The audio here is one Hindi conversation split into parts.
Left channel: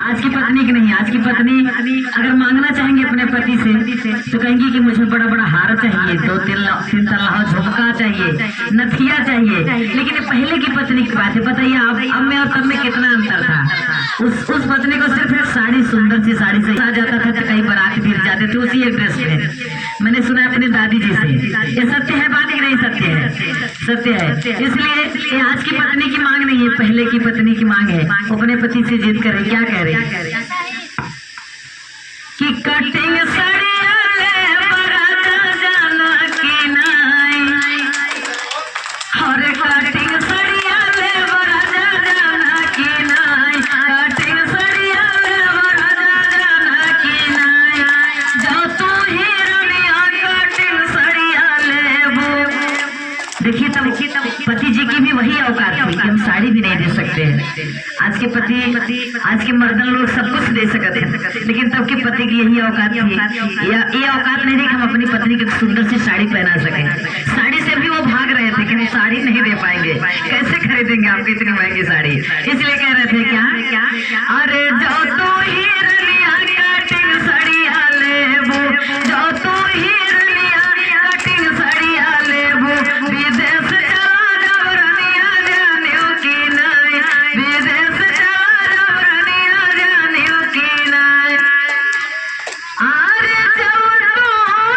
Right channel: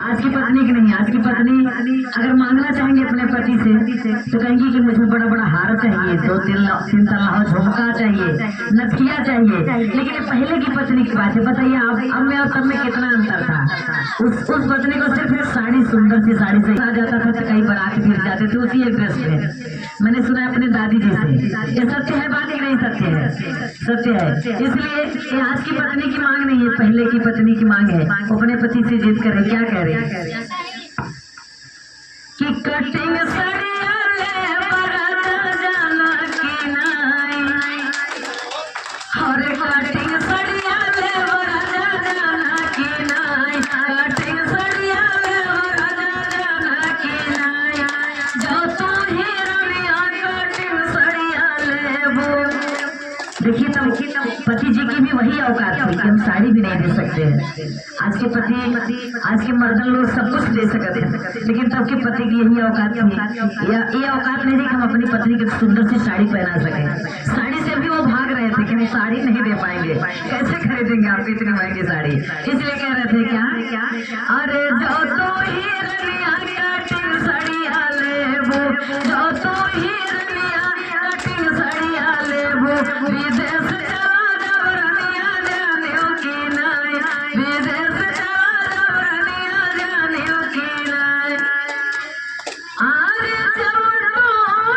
आज की पत्नी की नहीं, आज की पत्नी अगर मांगना चाहेंगे अपने पति से तो कहेंगी कि मुझे बड़ा बड़ा हार चाहिए, दो तीन तल्ला झुमका चाहिए, नथिया चाहिए। लेकिन पहले की पत्नी की बात है, बताइए आप अब में और तब में कितना अंतर था। उस पत्नी को सिर्फ एक साड़ी, सुंदर सी साड़ी से आ जाता था तो कई बारात गिर जाते थे उसी एक ड्रेस में। मैंने सुना है अपनी दादी जी से, ये सत्य है बात कि नहीं? सत्य है, सत्य है। इसलिए ये आज की पत्नी की मांग नहीं है, पहले की पत्नी की मांग है। अपने पति से जिद करे, क्या कह रही कि कटिंग सड़िया ले बरात जाना की नाई, और कटिंग सड़िया ले बरात जाना की नाई, कटिंग सड़िया ले बरात जाना की नाई, जो तू ही रनिया कटिंग सड़िया ले वो। देखिए तब पति जी की भी वही औकात थी कि हम साड़ी भी नहीं दे सकते हैं। आज के पति, आज के मर्दन लोग सब कुछ दे सकते हैं, लेकिन तब के पति की यही औकात थी, या ये औकात नहीं थी कि हम अपनी पत्नी की सुंदर सी साड़ी पहना सकें। साड़ी से भी वो भाग रहे थे कि हम साड़ी नहीं दे पाएंगे, कैसे खरीदेंगे आपकी इतनी महंगी साड़ी। इसलिए कह रहे थे क्या, अरे जो तो ही रनिया कटिंग सड़िया ले वो, जो तो ही रनिया कटिंग सड़िया ले वो, विदेश चला जाओ रनिया जानियो की नाई, विदेश चला जाओ रनिया जानियो की नाई, अरे जाओ तो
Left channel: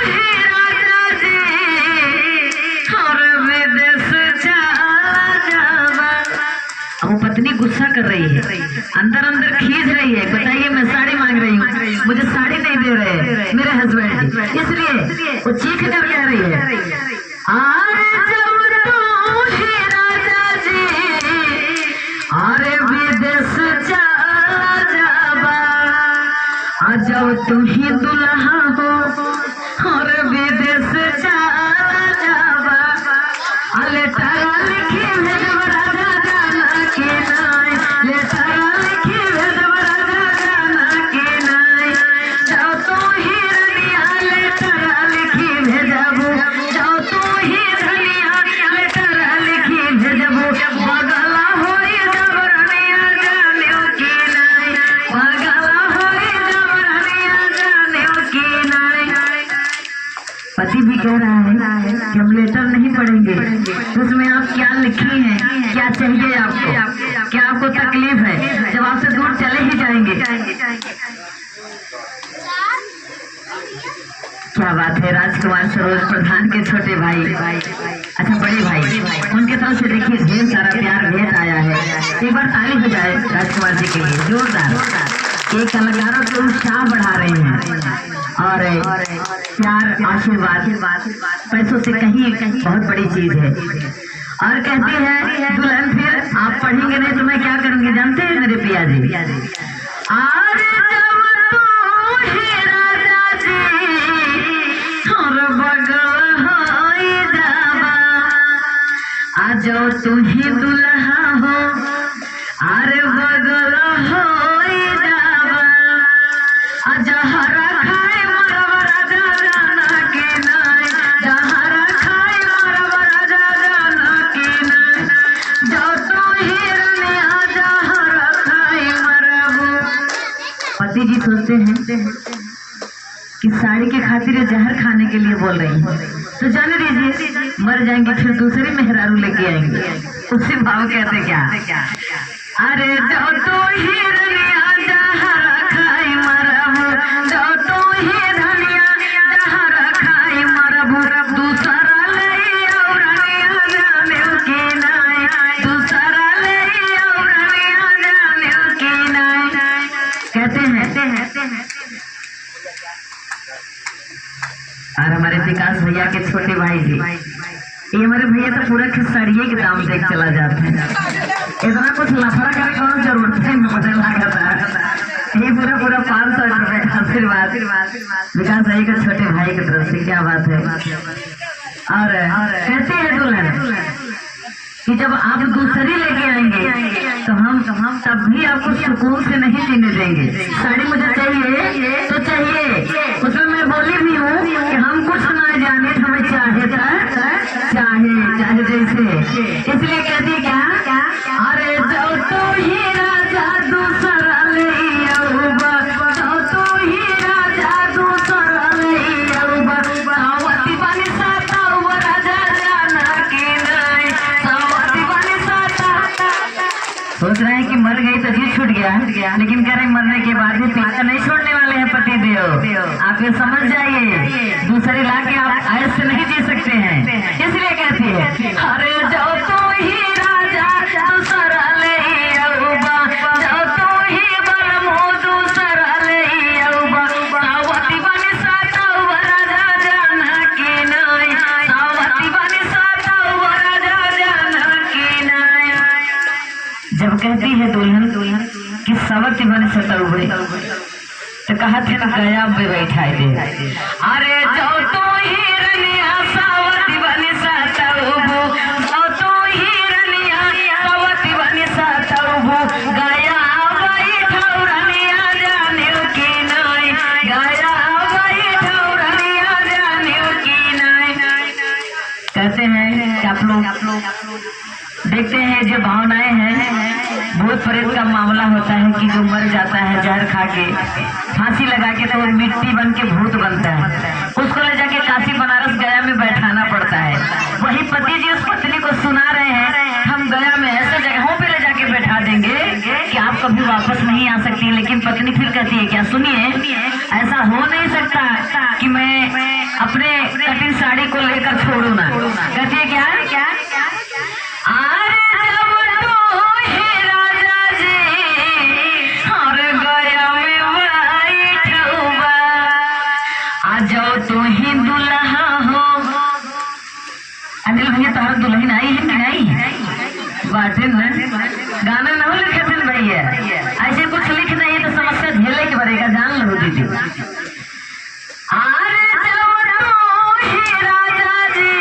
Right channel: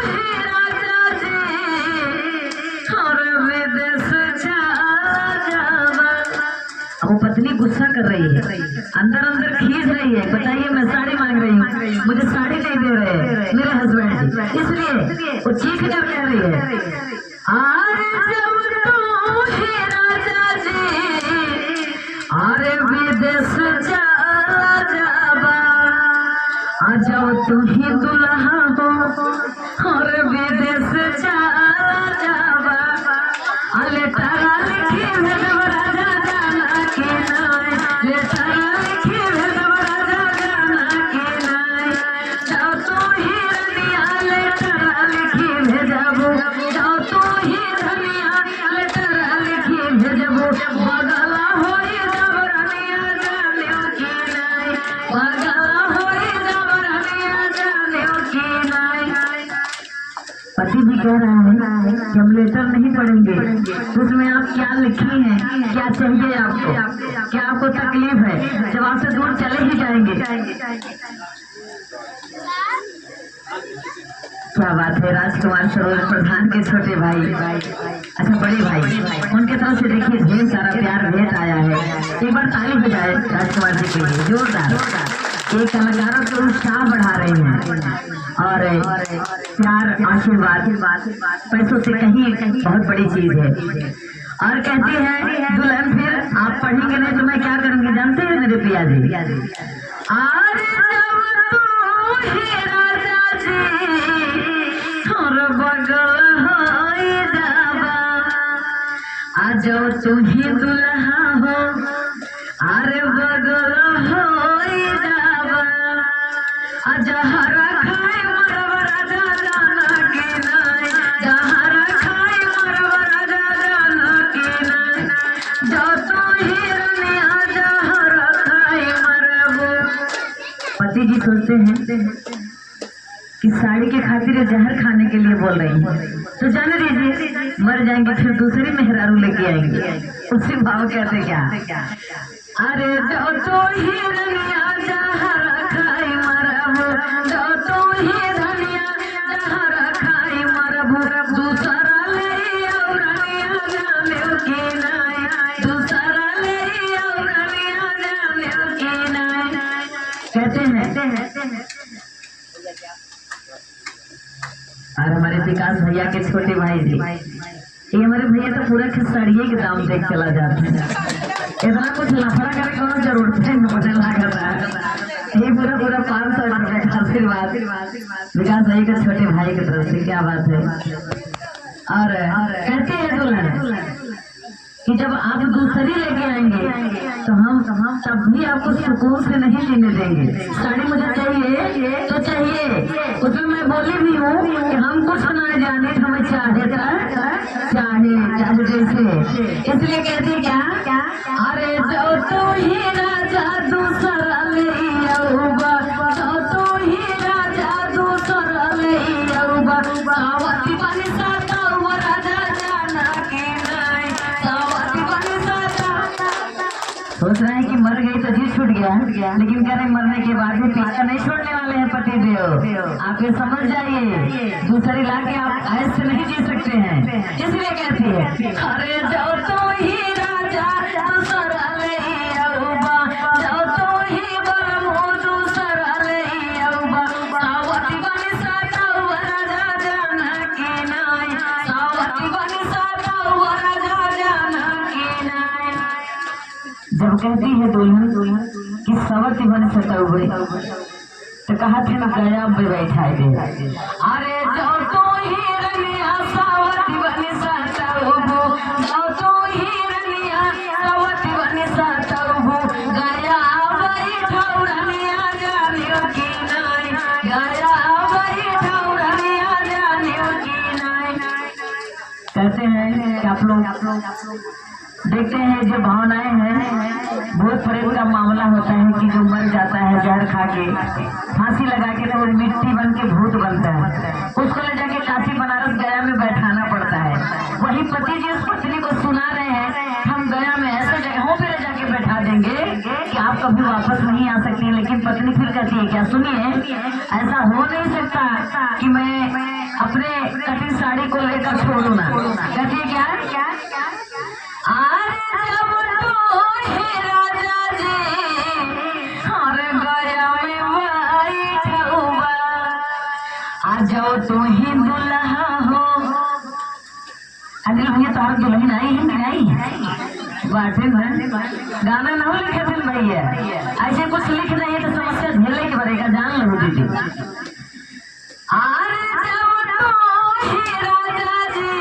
ही राजा जी और विदेश चला जावा। अब वो पत्नी गुस्सा कर रही है, अंदर अंदर खींच रही है, बताइए मैं साड़ी मांग रही हूँ, मुझे साड़ी नहीं दे रहे मेरे हस्बैंड, इसलिए वो चीख कर कह रही है, अरे जाओ तो ही राजा जी अरे विदेश चला जावा, आ जाओ तुम ही दुल्हा हो और विदेश चला जावा, लेटरा लिखी भेजब राजा जाना की नाई, लेटरा लिखी भेजब राजा जाना की नाई, जाओ तो ही रनिया लेटरा लिखी भेजबू, जाओ तो ही रनिया लेटरा लिखी भेजबू, बगला होई जब रनिया जानियो की नाई, बगला होई जब रनिया जानियो की नाई। पति भी कह रहा है कि हम लेटर नहीं पढ़ेंगे, उसमें आप क्या लिखी हैं, क्या चाहिए आपको, क्या आपको तकलीफ है, जब आपसे दूर चले ही जाएंगे। क्या बात है, राजकुमार सरोज प्रधान के छोटे भाई, अच्छा बड़े भाई, उनके तरफ से देखिए ढेर सारा प्यार भेंट आया है। एक बार ताली हो जाए राजकुमार जी के लिए जोरदार। ये कलाकारों को उत्साह बढ़ा रहे हैं और प्यार आशीर्वाद पैसों से कहीं बहुत बड़ी चीज है। और कहती है दुल्हन फिर आप पढ़ेंगे नहीं तो मैं क्या करूंगी, जानते हैं मेरे पिया जी, अरे जब तू ही राजा जी और बगल होई जावा, आ जाओ तू ही दुल्हा हो अरे बगल होई जावा, आ जहरा खाए मरब राजा जाना की नाई, जहरा खाए मरब राजा जाना की नाई, जो तू ही रनिया जहरा खाए मरब। पति जी सोचते हैं कि साड़ी के खातिर जहर खाने के लिए बोल रही है, तो जाने दीजिए मर जाएंगे फिर दूसरी मेहरारू लेके आएंगे। उसी भाव कहते क्या, अरे जो तो ही रनिया जहर खाई मरब, जो तो ही रनिया जहर खाई मरब, दूसरा ले और रनिया जानियो की नाई, दूसरा ले और रनिया जानियो की नाई। कहते हैं और हमारे विकास भैया के छोटे भाई जी, ये हमारे भैया तो पूरा खिसाड़िए के दाम देख चला जाते हैं, इतना कुछ लफड़ा करने की जरूरत है मुझे लगता है। ये पूरा 500 रुपए का आशीर्वाद विकास भाई के छोटे भाई की तरफ से, क्या बात है। और कहते हैं दुल्हन कि जब आप दूसरी लेके आएंगे तो हम तब भी आपको सुकून से नहीं जीने देंगे, साड़ी मुझे चाहिए तो चाहिए। उसमें मैं बोली भी हूँ कि हम कुछ ना जाने, हमें चाहे चाहे जैसे, इसलिए कहती क्या, अरे जो तो ही राजा दूसरा ले गया, लेकिन कह रहे मरने के बाद भी पीछा नहीं छोड़ने वाले हैं पति देव। आप ये समझ जाइए, दूसरी लाके आप ऐसे नहीं जी सकते हैं। इसलिए कहती है अरे जाओ तो ही राजा दूसरा ले औबा, जाओ तो ही बलमो दूसरा ले औबा, सावती बनी सातवा राजा जाना के नाई, सावती बनी सातवा राजा जाना के नाई। जब कहती है दुल्हन कि सवती बनी सतौबे, तो कहा थे ना गया पे बैठाई दे। अरे जाओ तो ही रनिया सावती बनी सतौबो, जाओ तो ही रनिया सावती बनी सतौबो, गया बैठाऊ रनिया जाने की नाई, गया बैठाऊ रनिया जाने की नाई। कहते हैं कि आप लोग देखते हैं जो भावनाएं हैं, भूत प्रेत का मामला होता है कि जो मर जाता है जहर खा के, फांसी लगा के, तो वो मिट्टी बन के भूत बनता है, उसको ले जाके काशी बनारस गया में बैठाना पड़ता है। वही पति जी उस पत्नी को सुना रहे हैं हम गया में ऐसे जगहों पे ले जाके बैठा देंगे कि आप कभी वापस नहीं आ सकती। लेकिन पत्नी फिर कहती है क्या, सुनिए ऐसा हो नहीं सकता कि मैं अपने कटिंग साड़ी को लेकर छोड़ू ना। कहती है क्या जाओ तो ही दुल्हा हो। अनिल भैया तुम्हारा दुल्हन आई है कि नहीं? बाटे न गाने न लिखे थे भैया, ऐसे कुछ लिख नहीं तो समस्या झेले के पड़ेगा, जान लो दीदी। अरे जाओ तो ही राजा जी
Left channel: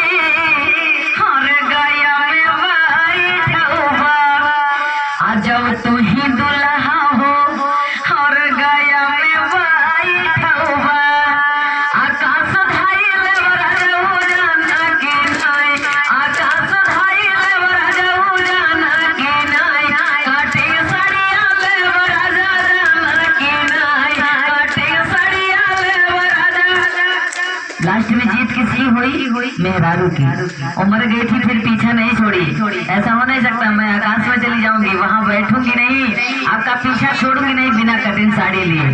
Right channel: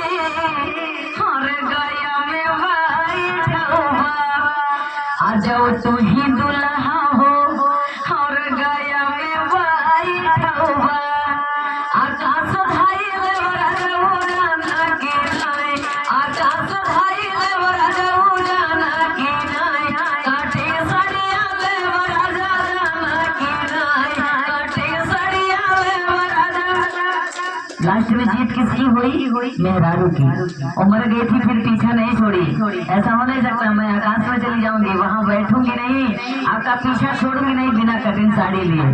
हर गया में बैठौबा, आ जाओ तो ही दुल्हा हो हर गया में बैठौबा, आकाश धाई लेवरा जाऊ जाना के नाई, आकाश धाई लेवरा जाऊ जाना के नाई, काटे सड़िया लेवरा जाना के नाई, काटे सड़िया लेवरा जा। लास्ट में जीत किसकी हुई? मेहरारू की। उमर गई थी फिर पीछा नहीं छोड़ी। ऐसा हो नहीं सकता मैं आकाश में चली जाऊंगी, वहां बैठूंगी नहीं, आपका पीछा छोड़ूंगी नहीं बिना कटिंग साड़ी लिए।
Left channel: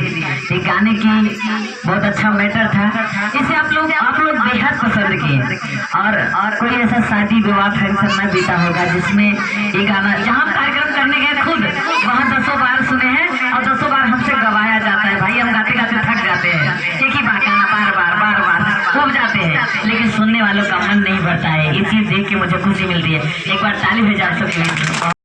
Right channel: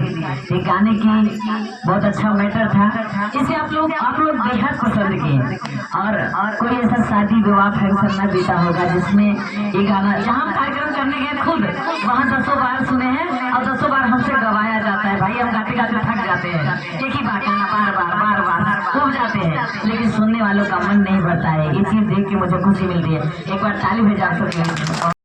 ये गाने की बहुत अच्छा मैटर था, इसे आप लोग बेहद पसंद किए। और कोई ऐसा शादी विवाह फंक्शन न बीता होगा जिसमें ये गाना, जहाँ कार्यक्रम करने गए खुद वहाँ 10 बार सुने हैं और 10 बार हमसे गवाया जाता है। भाई हम गाते गाते थक जाते हैं, एक ही बार गाना बार बार उब जाते हैं, लेकिन सुनने वालों का मन नहीं भरता है। ये चीज देख के मुझे खुशी मिलती है। एक बार ताली हो जा सकती है।